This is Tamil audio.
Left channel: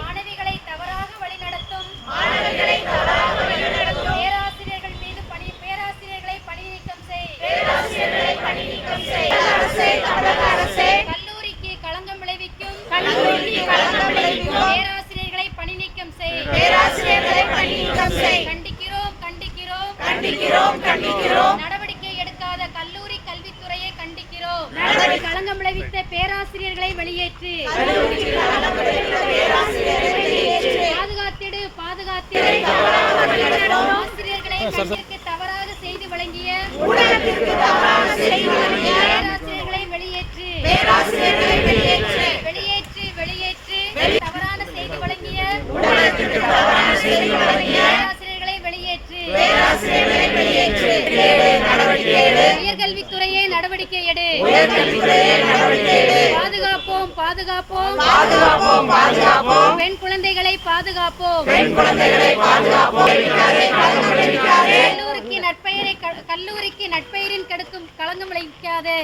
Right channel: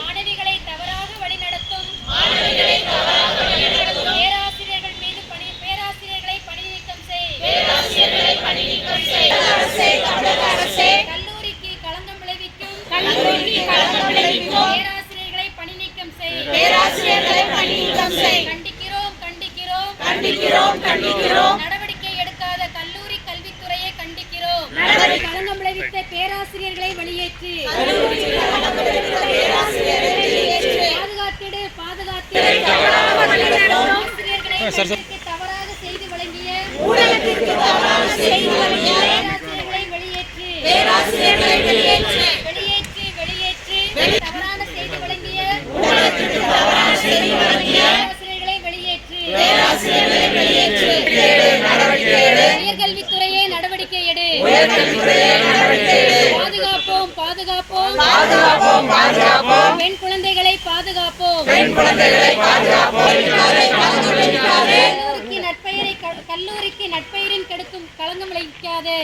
மாணவிகளை தவறாக வழிநடத்தும் பேராசிரியர்கள் மீது பேராசிரியர்களை பணி நீக்கம் செய். கல்லூரிக்கு களங்கம் விளைவிக்கும் பேராசிரியர்களை பணி நீக்கம் செய். கண்டிக்கிறோம். நடவடிக்கை எடுக்காத கல்லூரி கல்வித்துறையை கண்டிக்கிறோம். களங்கம் விளைவித்த பேராசிரியர்களை வெளியேற்று. பாதுகாத்திடு. ஆசிரியர்களை தவறாக செய்து வழங்கிய பேராசிரியர்களை வெளியேற்று. தவறான செய்து வழங்கிய பேராசிரியர்களை வெளியேற்று. உயர்கல்வித்துறையே நடவடிக்கை எடு. பாதுகாப்போம். பெண் குழந்தைகளை பாதுகாப்போம். கல்லூரிக்கு நட்பெயரின் கெடுக்கும் களங்கம் விளைவிக்காதே.